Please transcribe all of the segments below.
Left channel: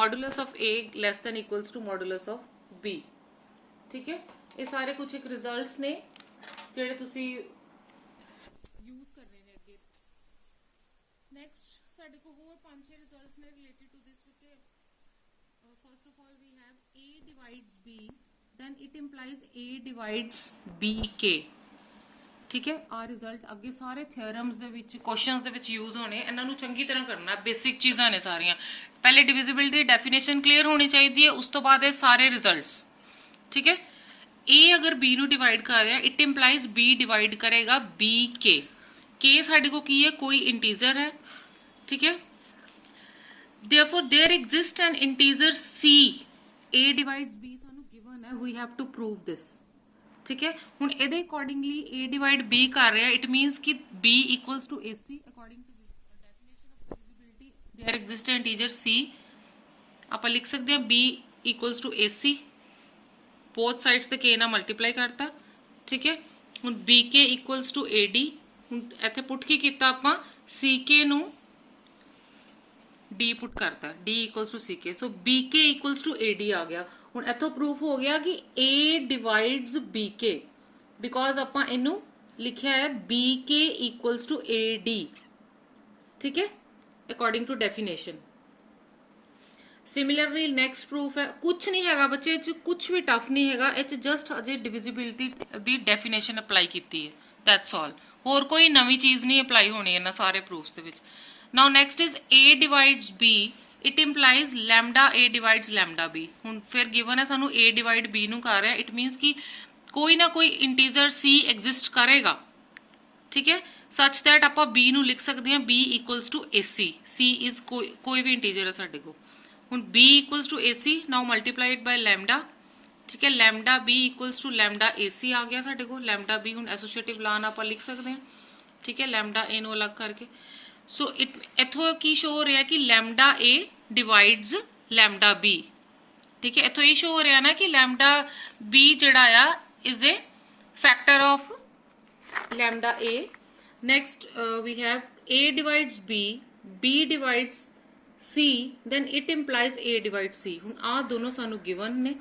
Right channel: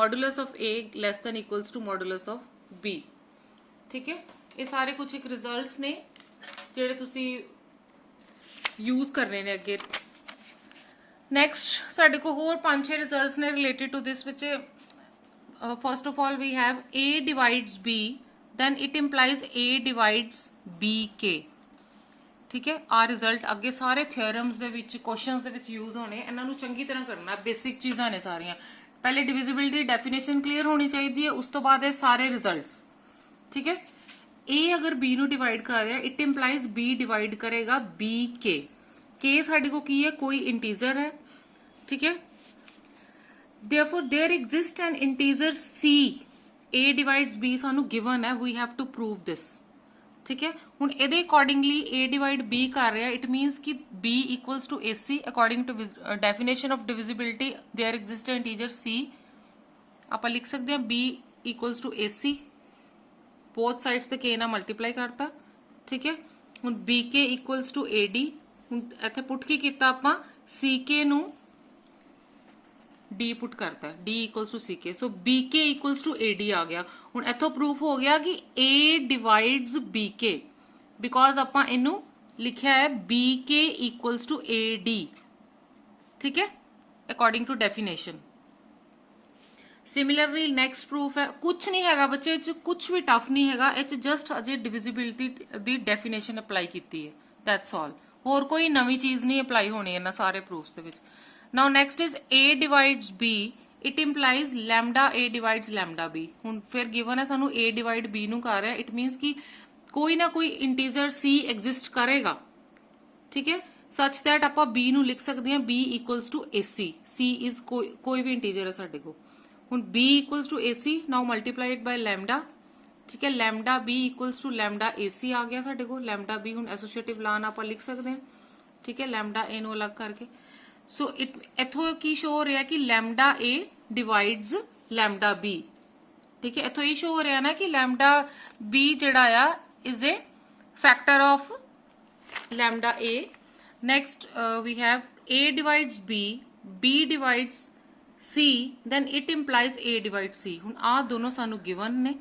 Modulus of A less than equals to modulus of B. ठीक है, ये सारे कुछ एक रिजल्ट्स ने ਜਿਹੜੇ ਤੁਸੀਂ यूज करने ने अगे। नैक्सट साडे को होर 5-6 रिजल्ट्स ने related to this which first of all we have A divides B then it implies A divides BK। ठीक है, आ रिजल्ट अगे सारे थ्योरम्स दे विच क्वेश्चंस दे विच यूज होने, इन्हां नूं चंगी तरह करना, बेसिक चीज़ां ने सारियां। पहले डिविजिबिलिटी डेफिनेशन क्लीयर होनी चाहिए है, उस तो बाद ये सारे रिजल्ट्स। ठीक है, A अगर B नूं डिवाइड कर रहा है, इट इंप्लाइज B डिवाइड करेगा BK। K साडे को की है, कोई इंटीजर है। ठीक है, therefore there exists an integer C। A divides B सानू गिवन है, we have to prove this. ठीक है, हुण इहदे अकॉर्डिंगली A डिवाइड B कर रहा है, इट मीनस कि B equals to AC according to definition of divisibility there exist integer C। आपां लिख सकते हैं B equals to AC, both sides ते K नाल मल्टीप्लाई करता। ठीक है, हुण BK इक्वल्स टू AD, हुण इत्थे पुट की कीता आपां CK नूं D पुट करता है, D equals to CK, so BK equals to AD आ गया। हुण इत्थों प्रूफ हो गया कि A डिवाइड्स BK, बिकॉज आपां इनू लिखिया है BK इक्वल्स टू AD। ठीक है, according to definition. Similarly next proof है, कुछ नहीं हैगा बच्चे, कुछ भी टफ नहीं हैगा, इच जस्ट अजे डिविजिबिलिटी दी डेफिनेशन अप्लाई कीती है, दैट्स ऑल। होर कोई नवी चीज नहीं अप्लाई होनी है ना सारे proofs they which. Now next is A divides B, it implies lambda A divides lambda B। हुण फिर गिवन है सानू A डिवाइड B नू कर रहा है, इट मीन्स कि कोई ना कोई इंटीजर C एग्जिस्ट करेगा। ठीक है, सच दैट आपां B नू लिख सकते हैं B equals to AC। C is कोई भी इंटीजर है साडे को। हुण B equals to AC, now multiplied by lambda. ठीक है, lambda B equals to lambda AC आ गया साडे को। लैम्डा B हुण एसोसिएटिव लॉ नाल आपां लिख सकते हैं। ठीक है, लैम्डा A नू अलग करके। सो इथों की शो हो रहा है कि lambda A divides lambda B. ठीक है, इथों ये शो हो रहा है ना कि लैम्डा बी जड़ा आ is a factor of lambda A. Next we have A divides B divides C, then it implies A divide C. हुण आ दोनों सानू गिवन ने,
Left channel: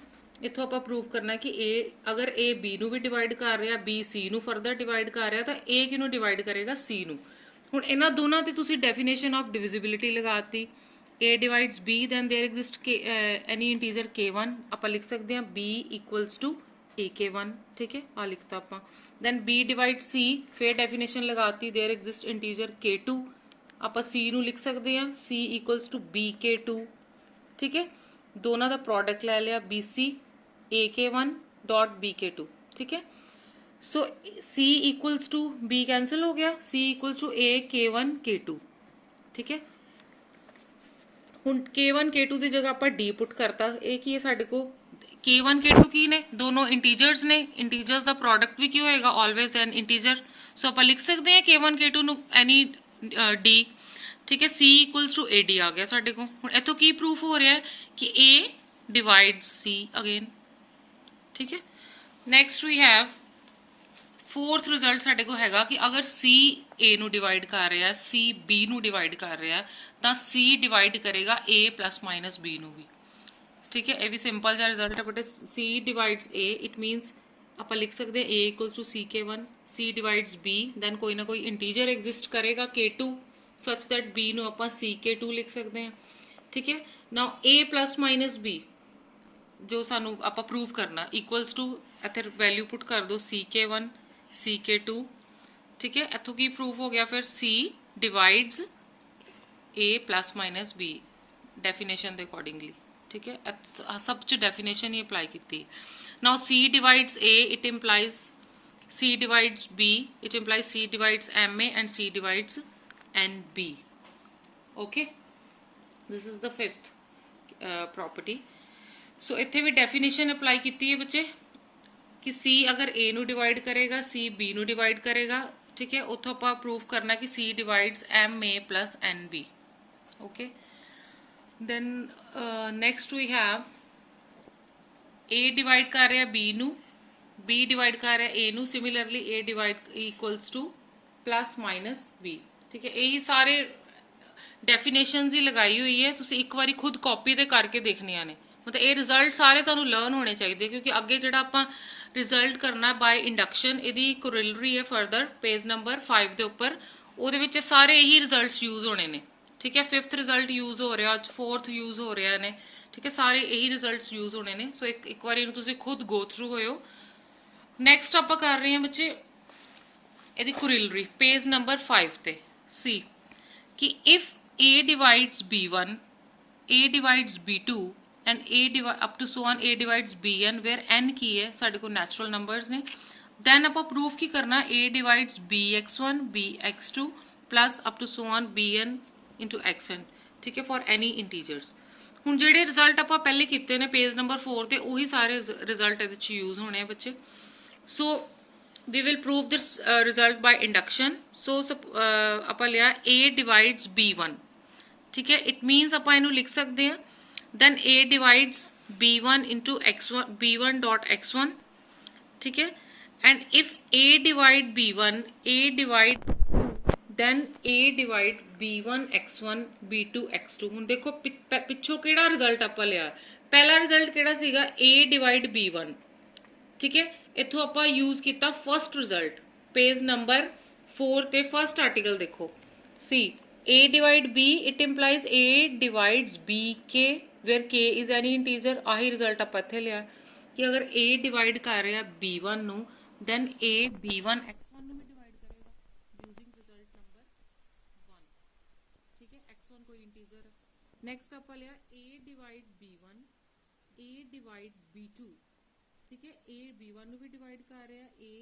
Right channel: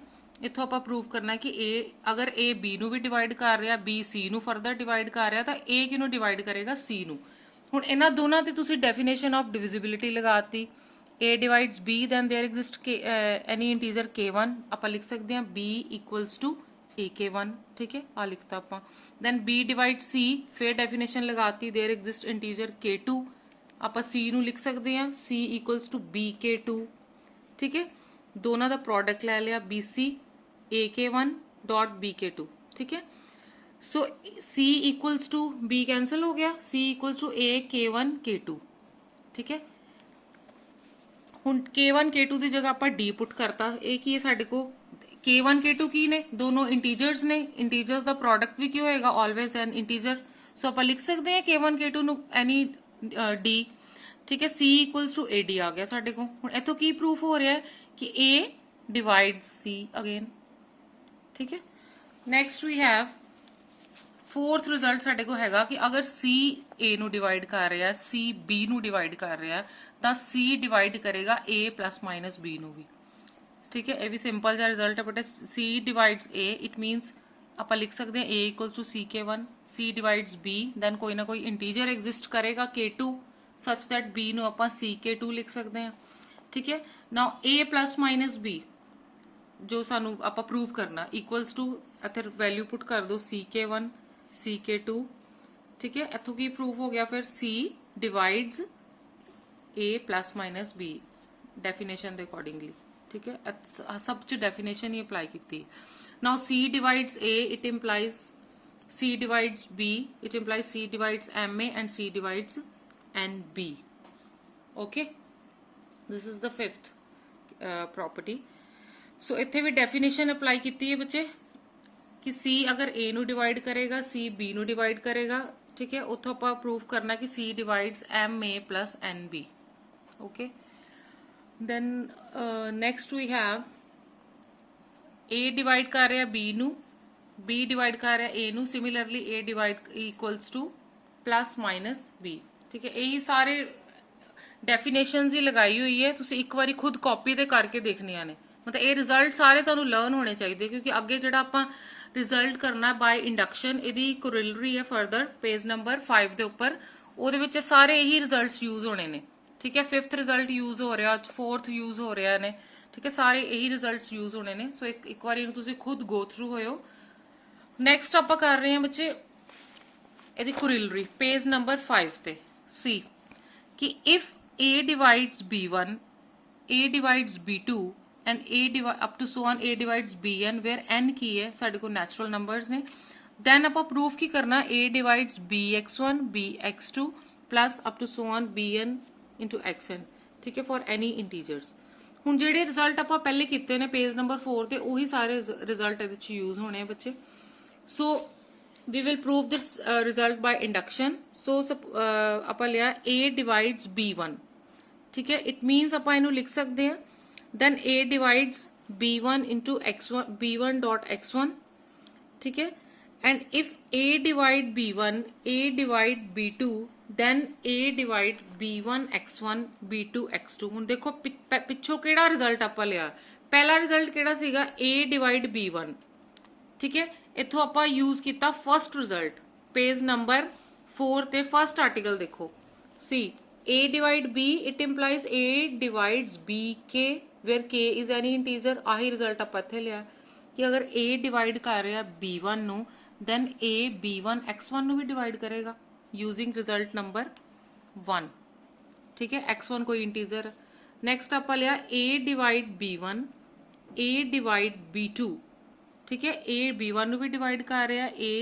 इथों आपां प्रूव करना कि ए अगर ए बी नू भी डिवाइड कर रहा, बी सी नू फरदर डिवाइड कर रहा, तो ए किनू डिवाइड करेगा, सी नू। हुण इन्हां दोनों ते तुसी डेफिनेशन ऑफ डिविजिबिलिटी लगाती। A डिवाइड्स B, then there exist any integer K1, आपां लिख सकते हैं B इक्वल्स टू AK1। ठीक है, आ लिखता आपां। दैन B डिवाइड C, फिर डेफिनेशन लगाती, देयर एग्जिस्ट इंटीजर K2, आपां C नू लिख सकते हैं C इक्वल्स टू BK2। ठीक है, दोनों का प्रोडक्ट ले लिया BC AK1 डॉट BK2। ठीक है, so C equals to B cancel हो गया, C equals to A K1 K2। ठीक है, हुण K1 K2 की जगह आपां D पुट करता। ये की है साडे को K1 K2 की ने, दोनों इंटीजर्स ने, इंटीजर्स का प्रोडक्ट भी की होएगा, ऑलवेज एन इंटीजर। सो आपां लिख सकते हैं K1 K2 नू एनी D। ठीक है, C इक्वल्स टू AD आ गया साडे को। हुण इथों की प्रूफ हो रहा है कि A डिवाइड्स C अगेन। ठीक है, next we have fourth result साडे को हैगा कि अगर C A नू डिवाइड कर रहा है, C B नू डिवाइड कर रहा है, तो C डिवाइड करेगा A प्लस माइनस B नू भी। ठीक है, ये भी सिंपल जा रिजल्ट है, but C divides A, it means आप लिख सकते हैं A equals to CK1, C divides B, then कोई ना कोई इंटीजर एग्जिस्ट करेगा K2, सच दैट B नू आप CK2 लिख सकते हैं। ठीक है, now A plus minus B जो सानू आप प्रूव करना इक्वल्स टू, इत्थे वैल्यू पुट कर दो CK1 CK2। ठीक है, इथों की प्रूफ हो गया फिर C divides A plus minus B definition के अकॉर्डिंगली। ठीक है, सब च डेफिनेशन ही अप्लाई की। Now C divides A, it implies C divides B, it implies C divides MA and C divides NB। Okay, this is the fifth property. So इत्थे भी definition apply की है बच्चे कि C अगर A नू डिवाइड करेगा, C B नू डिवाइड करेगा। ठीक है, उतो आप प्रूव करना कि C divides MA plus NB। Okay, then next we have A divide कर रहा B नू, B डिवाइड कर रहा A नू, similarly A divide equals two plus minus B। ठीक है, यही सारे ਡੈਫੀਨੇਸ਼ਨਸ ਹੀ ਲਗਾਈ ਹੋਈ ਹੈ, ਤੁਸੀਂ ਇੱਕ ਵਾਰੀ ਖੁਦ ਕਾਪੀ ਤੇ ਕਰਕੇ ਦੇਖਣੀਆਂ ਨੇ। ਮਤਲਬ ਇਹ ਰਿਜ਼ਲਟ ਸਾਰੇ ਤੁਹਾਨੂੰ ਲਰਨ ਹੋਣੇ ਚਾਹੀਦੇ, ਕਿਉਂਕਿ ਅੱਗੇ ਜਿਹੜਾ ਆਪਾਂ ਰਿਜ਼ਲਟ ਕਰਨਾ ਬਾय ਇੰਡਕਸ਼ਨ, ਇਹਦੀ ਕੋਰਿਲਰੀ ਹੈ ਫਰਦਰ ਪੇਜ ਨੰਬਰ 5 ਦੇ ਉੱਪਰ, ਉਹਦੇ ਵਿੱਚ ਸਾਰੇ ਇਹੀ ਰਿਜ਼ਲਟਸ ਯੂਜ਼ ਹੋਣੇ ਨੇ। ਠੀਕ ਹੈ, 5th ਰਿਜ਼ਲਟ ਯੂਜ਼ ਹੋ ਰਿਹਾ, 4th ਯੂਜ਼ ਹੋ ਰਿਹਾ ਨੇ। ਠੀਕ ਹੈ, ਸਾਰੇ ਇਹੀ ਰਿਜ਼ਲਟਸ ਯੂਜ਼ ਹੋਣੇ ਨੇ। ਸੋ ਇੱਕ ਵਾਰੀ ਇਹਨੂੰ ਤੁਸੀਂ ਖੁਦ ਗੋ ਥਰੂ ਹੋਇਓ। ਨੈਕਸਟ ਆਪਾਂ ਕਰ ਰਹੇ ਹਾਂ ਬੱਚੇ ਇਹਦੀ ਕੋਰਿਲਰੀ ਪੇਜ ਨੰਬਰ 5 ਤੇ ਸੀ ਕਿ if a divides b1, a divides b2 and a up to so on a divides bn, where n ਕੀ ਹੈ ਸਾਡੇ ਕੋਲ ਨੈਚੁਰਲ ਨੰਬਰਸ ਨੇ, then ਆਪਾਂ ਪ੍ਰੂਫ ਕੀ ਕਰਨਾ, a divides bx1 bx2 plus up to so on bn into xn। ਠੀਕ ਹੈ, for any integers। ਹੁਣ ਜਿਹੜੇ ਰਿਜ਼ਲਟ ਆਪਾਂ ਪਹਿਲੇ ਕੀਤੇ ਨੇ ਪੇਜ ਨੰਬਰ 4 ਤੇ, ਉਹੀ ਸਾਰੇ ਰਿਜ਼ਲਟ ਇਹਦੇ ਵਿੱਚ ਯੂਜ਼ ਹੋਣੇ ਆ ਬੱਚੇ। So we will prove this result by induction। So ਆਪਾਂ ਲਿਆ a divides b1। ठीक है, it means ਆਪਾਂ ਇਹਨੂੰ ਲਿਖ ਸਕਦੇ ਹਾਂ then a divides b1 into x1 b1 dot x1। ठीक है, and if a divide b1 a divide b2 then a divide b1 x1 b2 x2। ਹੁਣ ਦੇਖੋ ਪਿੱਛੋਂ ਕਿਹੜਾ ਰਿਜ਼ਲਟ ਆਪਾਂ ਲਿਆ, ਪਹਿਲਾ ਰਿਜ਼ਲਟ ਕਿਹੜਾ ਸੀਗਾ a divide b1। ਠੀਕ ਹੈ, ਇੱਥੋਂ ਆਪਾਂ ਯੂਜ਼ ਕੀਤਾ ਫਸਟ ਰਿਜ਼ਲਟ ਪੇਜ ਨੰਬਰ 4 ਤੇ ਫਸਟ ਆਰਟੀਕਲ ਦੇਖੋ ਸੀ a divide b, it implies a divides b k where k is any integer। ਆਹੀ ਰਿਜ਼ਲਟ ਆਪਾਂ ਇੱਥੇ ਲਿਆ ਕਿ ਅਗਰ a ਡਿਵਾਈਡ ਕਰ ਰਿਹਾ b1 ਨੂੰ then a b1 x1 ਨੂੰ ਵੀ ਡਿਵਾਈਡ ਕਰੇਗਾ ਯੂਜ਼ਿੰਗ ਰਿਜ਼ਲਟ ਨੰਬਰ 1। ਠੀਕ ਹੈ, x1 ਕੋਈ ਇੰਟੀਜ਼ਰ। ਨੈਕਸਟ ਆਪਾਂ ਲਿਆ a divide b1 a divide b2। ਠੀਕ ਹੈ, a b1 ਨੂੰ ਵੀ ਡਿਵਾਈਡ ਕਰ ਰਿਹਾ, a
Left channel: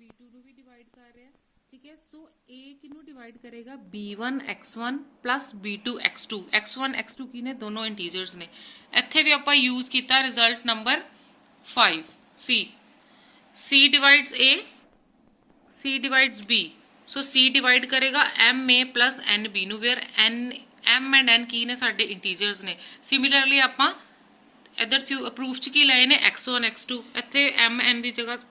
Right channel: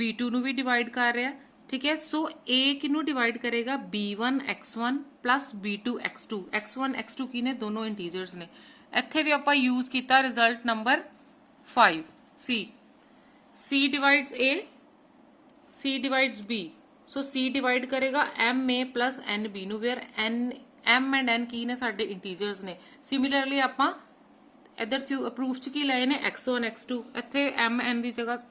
b2 ਨੂੰ ਵੀ ਡਿਵਾਈਡ ਕਰ ਰਿਹਾ। ਠੀਕ ਹੈ, ਸੋ a ਕਿਹਨੂੰ ਡਿਵਾਈਡ ਕਰੇਗਾ b1 x1 plus b2 x2। x1 x2 ਕੀ ਨੇ, ਦੋਨੋਂ ਇੰਟੀਜਰਸ ਨੇ। ਇੱਥੇ ਵੀ ਆਪਾਂ ਯੂਜ਼ ਕੀਤਾ result number 5 c। c divides a, c divides b। So c divide ਕਰੇਗਾ ma plus nb ਨੂੰ, ਵੇਅਰ m and n ਕੀ ਨੇ, ਸਾਡੇ ਇੰਟੀਜਰਸ ਨੇ। ਸਿਮਿਲਰਲੀ ਆਪਾਂ इधर प्रूफ च की लाए ने x1 x2, इत्थे m n की जगह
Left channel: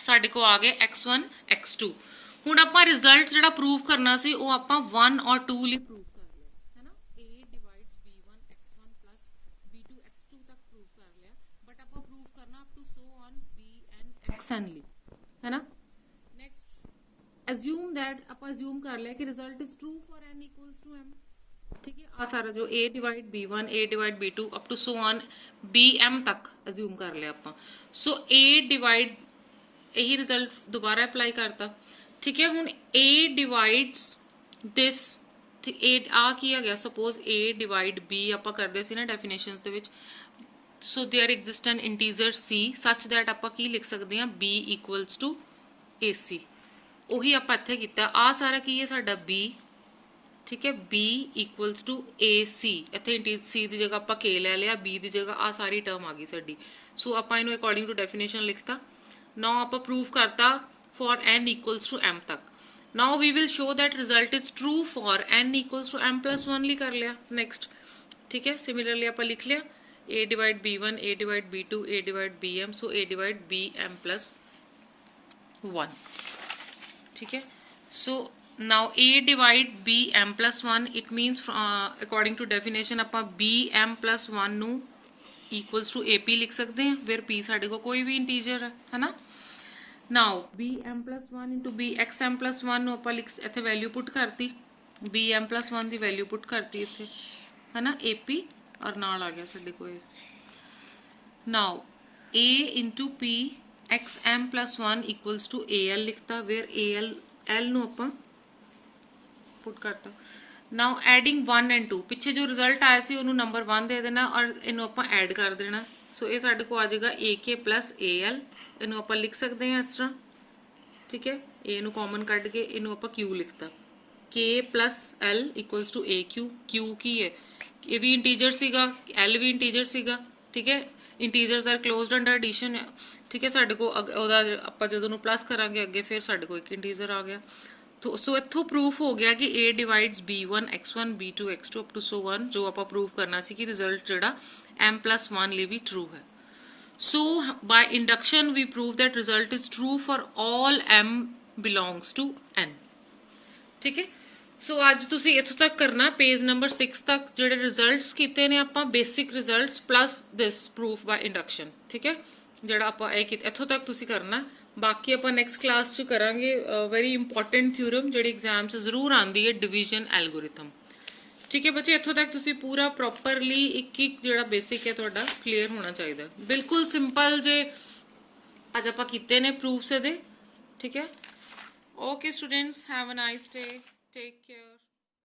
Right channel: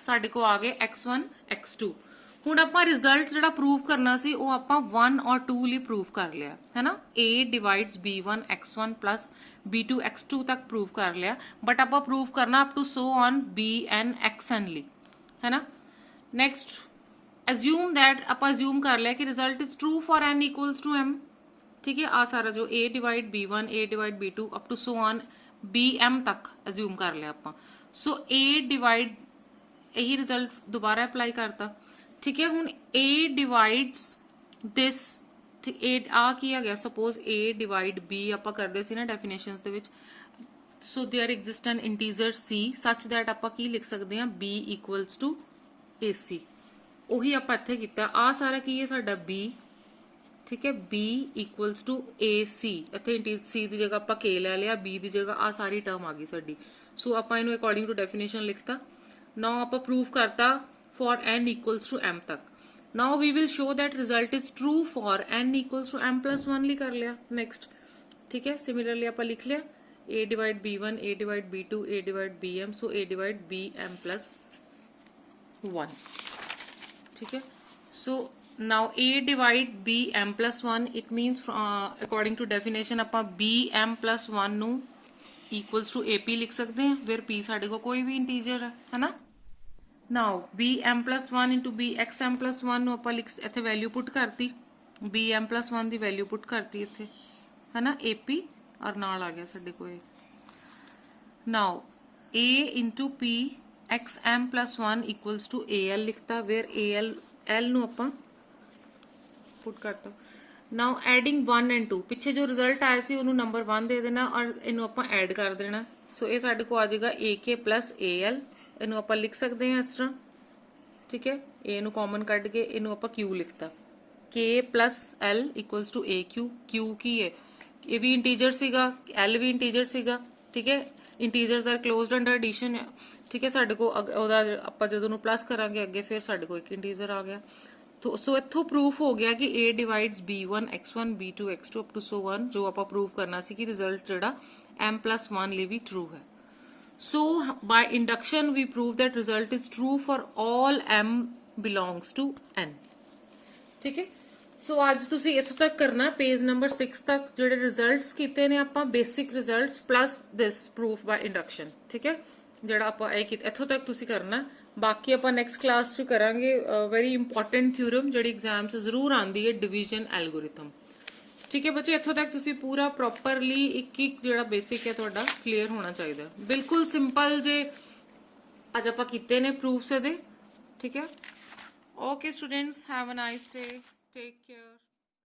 साडे को आ गए x1 x2। हुण आपां रिजल्ट जिहड़ा प्रूव करना सी वो आपां 1 और 2 ਲਈ प्रूव कर लिया है ना। a divides b1 x1 plus b2 x2 तक प्रूव कर लिया, बट आपां प्रूव करना up to so on bn xn ਲਈ है ना। नेक्स्ट assume that आपां assume कर लिया कि result is true for n equals to m। ठीक है, आ सारा जो a divide b1 a divide b2 up to so on bm तक अज्यूम कर लिया ਆਪਾਂ। सो a डिवाइड यही रिजल्ट दोबारा अप्लाई करता। ठीक है, हुण a डिवाइड्स दिस, ठीक a आ की आ गया, सपोज a डिवाइड b ਆਪਾਂ ਕਰਦੇ ਸੀ ਨਾ ਡੈਫੀਨੇਸ਼ਨਸ ਦੇ ਵਿੱਚ। So there exist an integer c such that ਆਪਾਂ ਕੀ ਲਿਖ ਸਕਦੇ ਹਾਂ b ਇਕੁਅਲਸ ਟੂ ac। ਉਹੀ ਆਪਾਂ ਇੱਥੇ ਕੀਤਾ। ਆ ਸਾਰਾ ਕੀ ਹੈ ਸਾਡਾ b। ठीक है, b इक्वल्स टू ac। इत्थे c की जगह आप k ले लिया, b की जगह आ सारी टर्म आ गई साडी। सो आप इनू अकॉर्डिंग टू डेफिनेशन लिखता। नाउ आप प्रूव करता for n equals to m तक। Now we will show that result is true for n equals to m plus 1 ली कर लिया। नेक्स्ट ठीक है, सिमिलरली आप लिख लिया a divide b1 a divide b2 a divide bm। So a divide bm plus 1। ठीक है, सो now a divide bm plus 1, it means according to definition ਆਪਾਂ bm plus 1 ਨੂੰ equals to ap ਲਿਖ ਸਕਦੇ ਹਾਂ, where p ਸਾਡੇ ਕੋਲ ਕੋਈ ਵੀ ਇੰਟੀਜਰ ਹੈ ਨਾ। now bm plus 1 into bxm plus 1 ਨੂੰ ਆਪਾਂ ਇੱਥੇ ਵੈਲਿਊ ਪੁੱਟ ਕਰਤੀ, bm plus 1 ਦੀ ਵੈਲਿਊ ਪੁੱਟ ਕਰਤੀ ਇੱਥੇ ਹੈ ਨਾ, ap ਔਰ ਨਾਲ ਆ ਗਿਆ ਸਾਡੇ ਕੋਲ। now a into p xm plus 1 equals to al ਲਿਖਤਾ, where al ਨੂੰ ਆਪਾਂ पुट करता। नाउ एडिंग 1 एंड 2, पिछे जो रिजल्ट आया सी उन्होंने नंबर 1 दे देना और इनू आप ऐड कर देना। सो ये साडे को आ जाएगा AK प्लस AL। इनू आप लिख सकते हैं इस तरह। ठीक है, ए नू कॉमन कट के इनू आप Q लिखता, K plus L equals to AQ। Q की है, ये भी इंटीजर सीगा, L भी इंटीजर सीगा। ठीक है, integers are closed under addition. ठीक है, साडे को ओदा आप जदों प्लस करांगे अगे फिर साडे को एक इंटीजर आ गया। तो सो इत्थों प्रूफ हो गया कि a divides b1 x1 b2 x2 up to so 1, जो आप प्रूव करना सी कि रिजल्ट जिहड़ा m प्लस 1 लिए भी ट्रू है। So by induction we prove that result is true for all m belongs to n। ठीक है, ਸੋ ਅੱਜ ਤੁਸੀਂ ਇੱਥੋਂ ਤੱਕ ਕਰਨਾ, ਪੇਜ ਨੰਬਰ 6 ਤੱਕ ਜਿਹੜੇ ਰਿਜ਼ਲਟਸ ਕੀਤੇ ਨੇ ਆਪਾਂ, ਬੇਸਿਕ ਰਿਜ਼ਲਟਸ ਪਲੱਸ ਦਿਸ ਪ੍ਰੂਫ ਬਾਈ ਇੰਡਕਸ਼ਨ, ਠੀਕ ਹੈ, ਜਿਹੜਾ ਆਪਾਂ ਇਹ ਕੀਤਾ ਇੱਥੋਂ ਤੱਕ ਤੁਸੀਂ ਕਰਨਾ। ਬਾਕੀ ਆਪਾਂ ਨੈਕਸਟ ਕਲਾਸ 'ਚ ਕਰਾਂਗੇ ਵੈਰੀ ਇੰਪੋਰਟੈਂਟ ਥਿਊਰਮ ਜਿਹੜੀ ਐਗਜ਼ਾਮ 'ਚ ਜ਼ਰੂਰ ਆਉਂਦੀ ਹੈ, ਡਿਵੀਜ਼ਨ ਐਲਗੋਰਿਥਮ। ਠੀਕ ਹੈ ਬੱਚੇ, ਇੱਥੋਂ ਤੱਕ ਤੁਸੀਂ ਪੂਰਾ ਪ੍ਰੋਪਰਲੀ ਇੱਕ ਇੱਕ ਜਿਹੜਾ ਬੇਸਿਕ ਹੈ ਤੁਹਾਡਾ ਕਲੀਅਰ ਹੋਣਾ ਚਾਹੀਦਾ। ਬਿਲਕੁਲ ਸਿੰਪਲ ਜੇ ਅੱਜ ਆਪਾਂ ਕੀਤੇ ਨੇ ਪ੍ਰੂਫਸ ਇਹਦੇ, ਠੀਕ ਹੈ। Okay students, have a nice day, take care.